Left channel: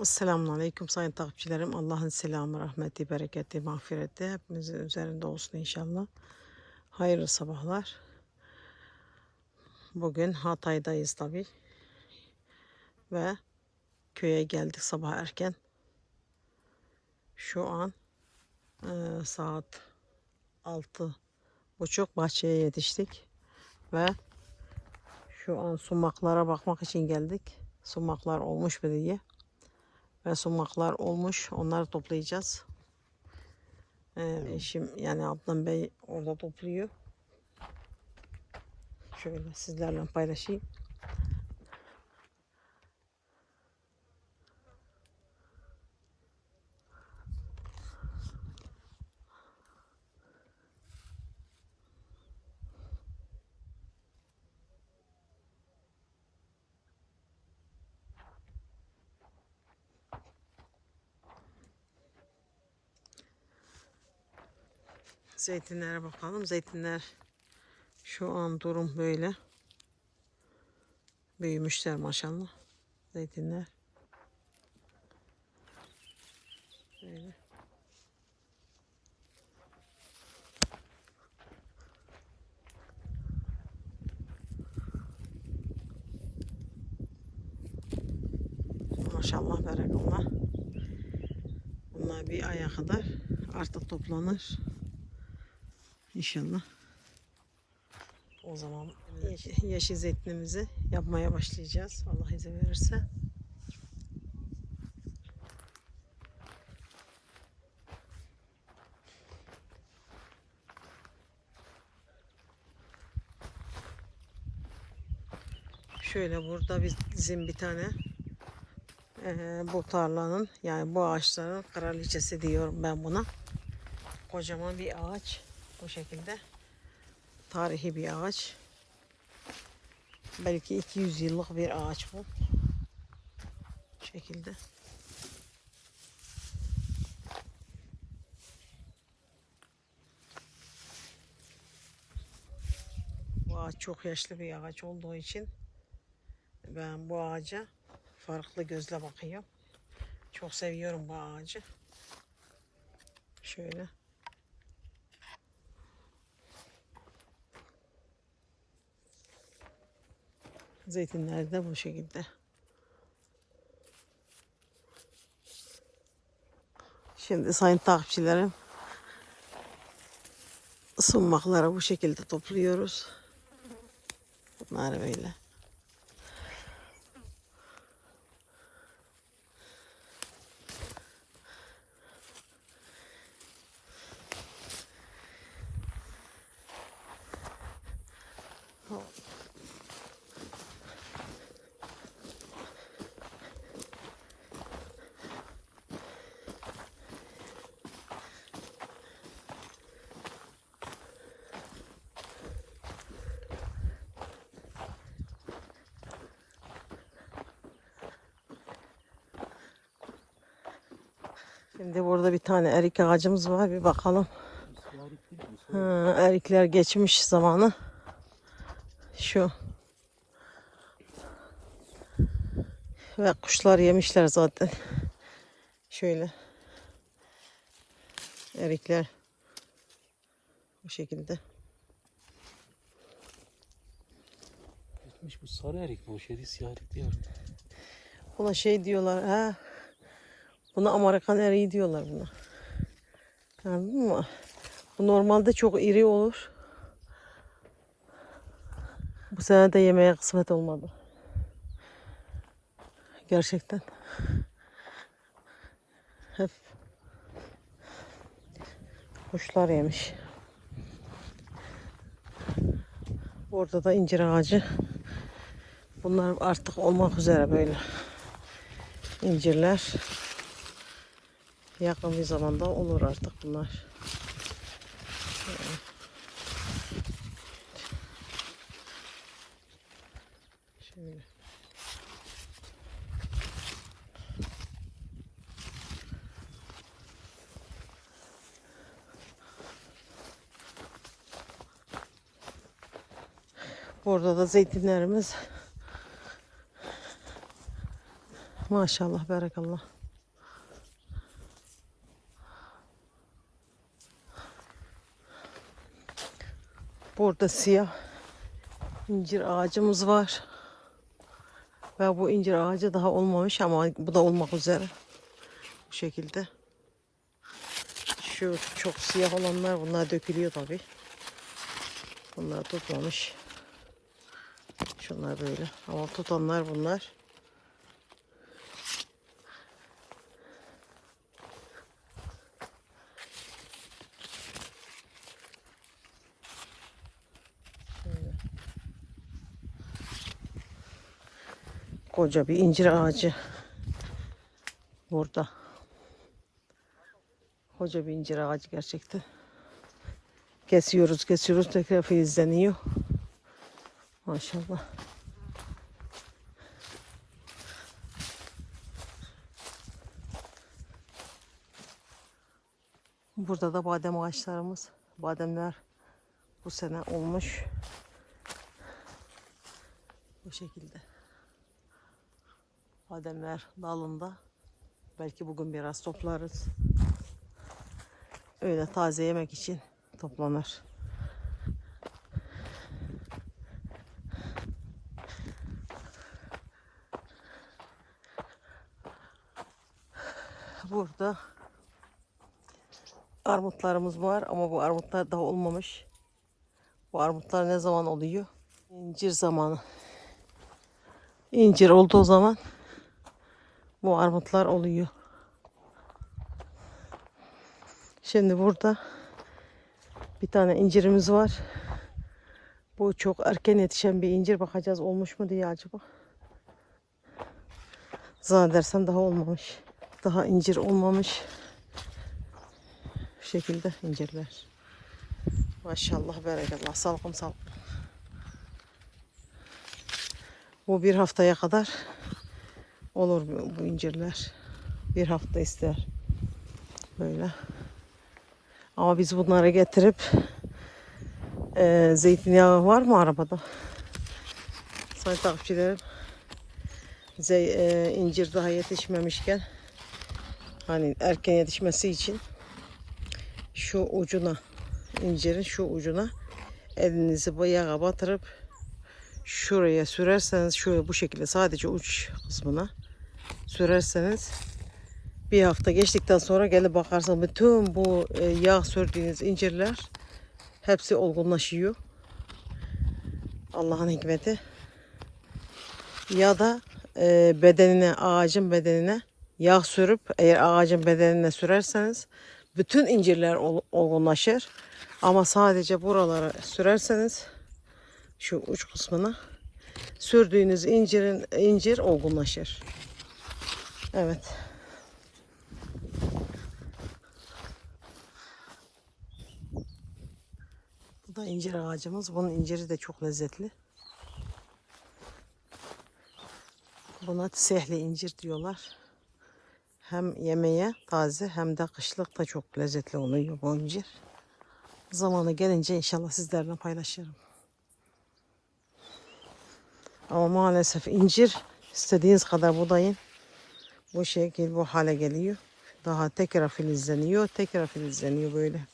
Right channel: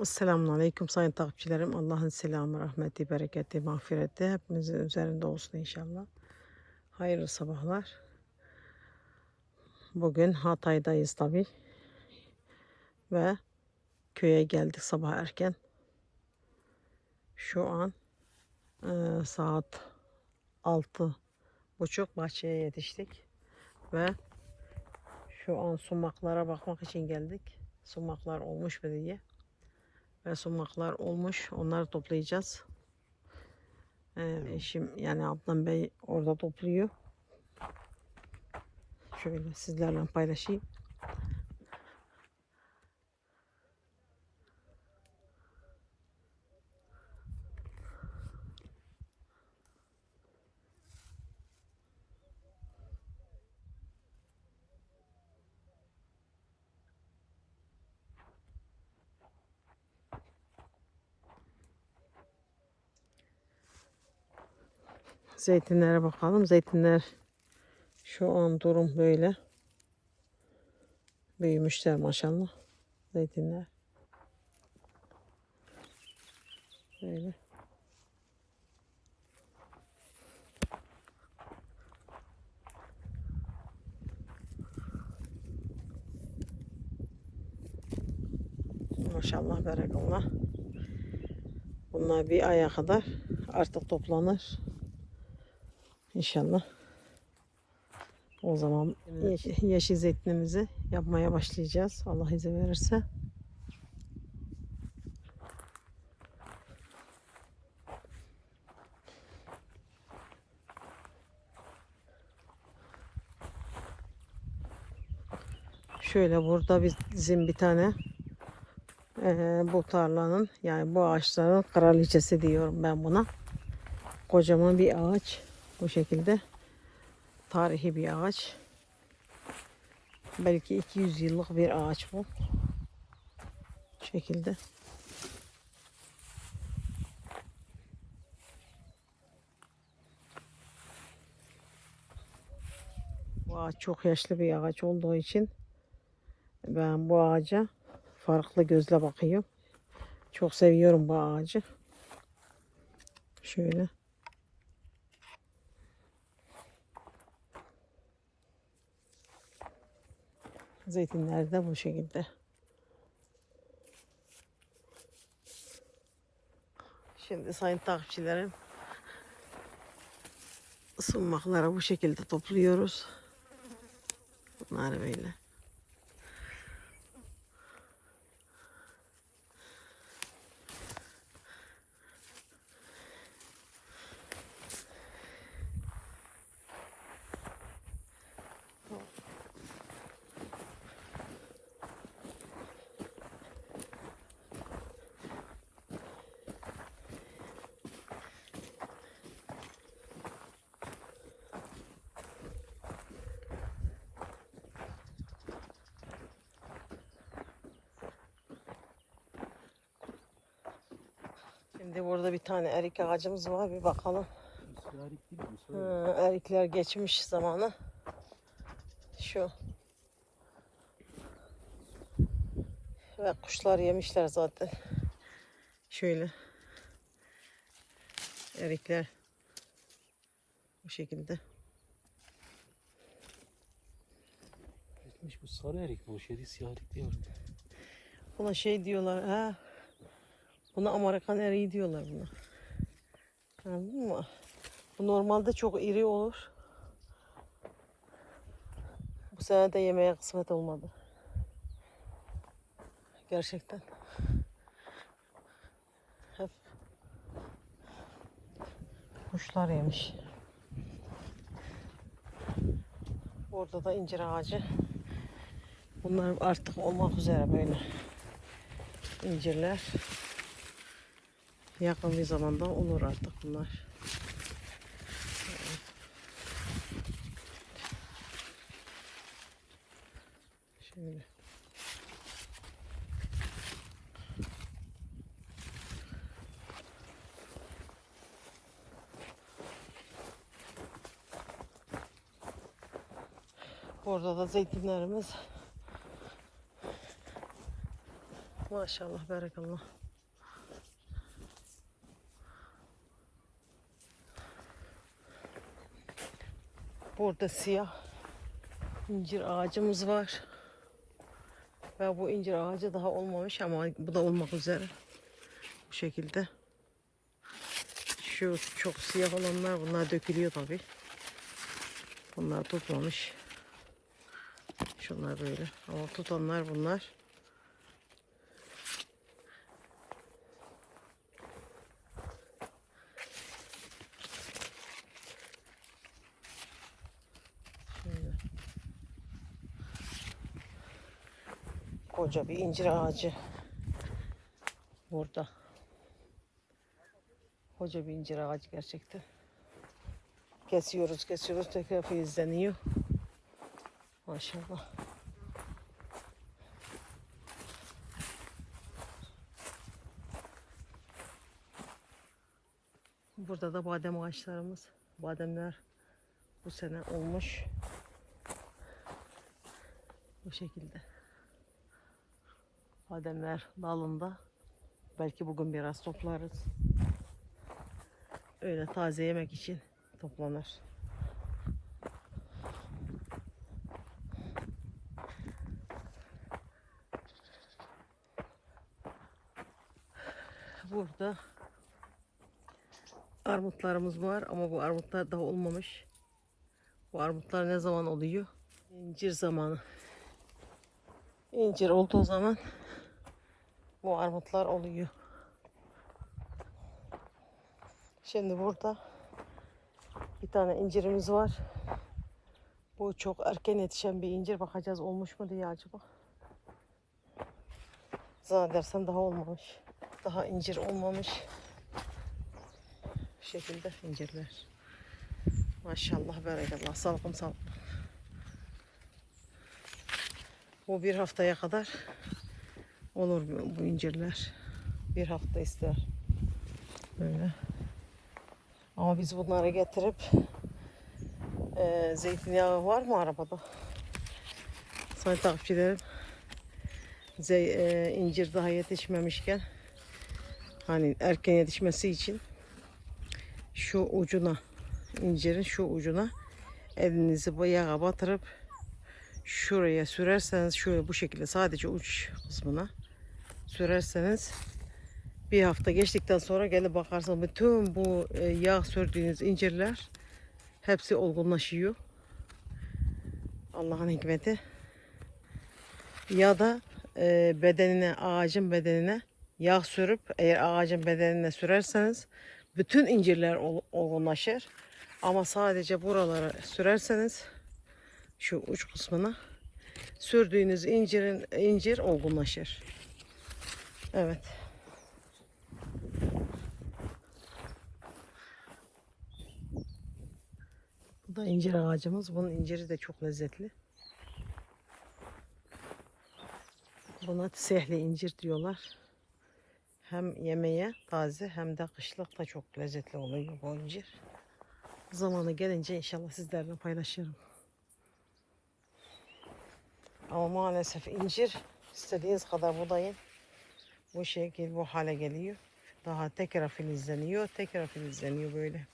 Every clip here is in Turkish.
Esselamun Aleyküm sayın takipçilerim. Allah'ın selamı, rahmeti, bereketi, mağfireti hepimizin üzerinde olsun inşallah. Hayırlı sabahlar. Bugün Hatay'dayız tabi. Ve köye geldik sabah erken. Şu an eee, saat altı buçuk bahçeye yetiştik. Ve şu an sumaklara bakmak için geldik. Sumaklar olmuş mu diye ve sumaklar olmuş. Onları toplayacağız. Ee, eşim yani Adnan Bey orada topluyor. Şöyle sizlerle paylaşayım. Zeytinlere bakalım. Zeytinler şu an durum böyle. Büyümüşler maşallah. Zeytinler. Böyle. Maşallah berekallah. Bunlar bir aya kadar artık toplanır. İnşallah. O zaman ye- yeşil zeytinimizi yapmaya başlayacağız. Allah izin verirse. Şöyle burada bizim bir tane eee, bu tarlanın yani bu ağaçların kraliçesi diyorum ben buna. Kocaman bir ağaç. Bu şekilde tarihi bir ağaç. Belki 200 yıllık bir ağaç bu. Bu şekilde. Bu ağaç çok yaşlı bir ağaç olduğu için ben bu ağaca farklı gözle bakıyorum. Çok seviyorum bu ağacı. Şöyle. Zeytinler de bu şekilde. Şimdi sayın takipçilerim sunmakları bu şekilde topluyoruz. Bunlar böyle. Şimdi burada bir tane erik ağacımız var. Bir bakalım. Ha, erikler geçmiş zamanı. Şu. Ve kuşlar yemişler zaten. Şöyle. Erikler. Bu şekilde. Gitmiş bu sarı erik bu şeydi siyah erik değil mi? Buna şey diyorlar. Ha. Buna Amerikan eriği diyorlar buna. Anladın mı? Bu normalde çok iri olur. Bu sene de yemeğe kısmet olmadı. Gerçekten. Hep kuşlar yemiş. Orada da incir ağacı. Bunlar artık olmak üzere böyle incirler. Yakın bir zamanda olur artık bunlar. Şöyle. Burada da zeytinlerimiz Maşallah, barakallah. Burada siyah incir ağacımız var. Ve bu incir ağacı daha olmamış ama bu da olmak üzere. Bu şekilde. Şu çok siyah olanlar bunlar dökülüyor tabi. Bunlar tutmamış. Şunlar böyle. Ama tutanlar bunlar. Koca bir incir ağacı. Burada. Koca bir incir ağacı gerçekten. Kesiyoruz, kesiyoruz. Tekrar filizleniyor. Maşallah. Burada da badem ağaçlarımız. Bademler bu sene olmuş. Bu şekilde. Bademler dalında. Belki bugün biraz toplarız. Öyle taze yemek için toplanır. Burada armutlarımız var ama bu armutlar daha olmamış. Bu armutlar ne zaman oluyor? İncir zamanı. İncir olduğu zaman bu armutlar oluyor. Şimdi burada bir tane incirimiz var. Bu çok erken yetişen bir incir. Bakacağız olmuş mu diye acaba. Zannedersem daha olmamış. Daha incir olmamış. Bu şekilde incirler. Maşallah berekallah. Salkım salkım. Bu bir haftaya kadar olur bu, bu incirler. Bir hafta ister. Böyle. Ama biz bunları getirip e, zeytinyağı var mı arabada? Sayın takipçilerim. Zey, e, incir daha yetişmemişken hani erken yetişmesi için şu ucuna incirin şu ucuna elinizi bu yağa batırıp şuraya sürerseniz şöyle bu şekilde sadece uç kısmına sürerseniz bir hafta geçtikten sonra gelip bakarsanız bütün bu e, yağ sürdüğünüz incirler hepsi olgunlaşıyor. Allah'ın hikmeti. Ya da e, bedenine, ağacın bedenine yağ sürüp eğer ağacın bedenine sürerseniz bütün incirler ol- olgunlaşır. Ama sadece buralara sürerseniz şu uç kısmına sürdüğünüz incirin incir olgunlaşır. Evet. Bu da incir ağacımız. Bunun inciri de çok lezzetli. Buna sehli incir diyorlar. Hem yemeğe taze hem de kışlık da çok lezzetli oluyor bu incir. Zamanı gelince inşallah sizlerle paylaşırım. Ama maalesef incir istediğiniz kadar budayın. Bu şekil bu hale geliyor. Daha tekrar filizleniyor, tekrar filizleniyor böyle.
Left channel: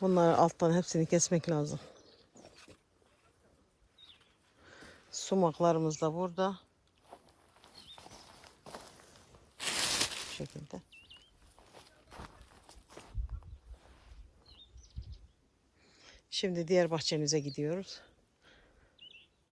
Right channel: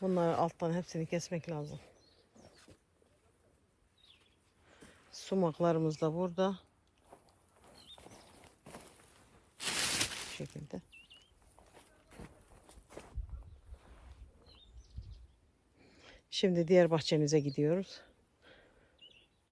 Bunları alttan hepsini kesmek lazım. Sumaklarımız da burada. Bu şekilde. Şimdi diğer bahçemize gidiyoruz.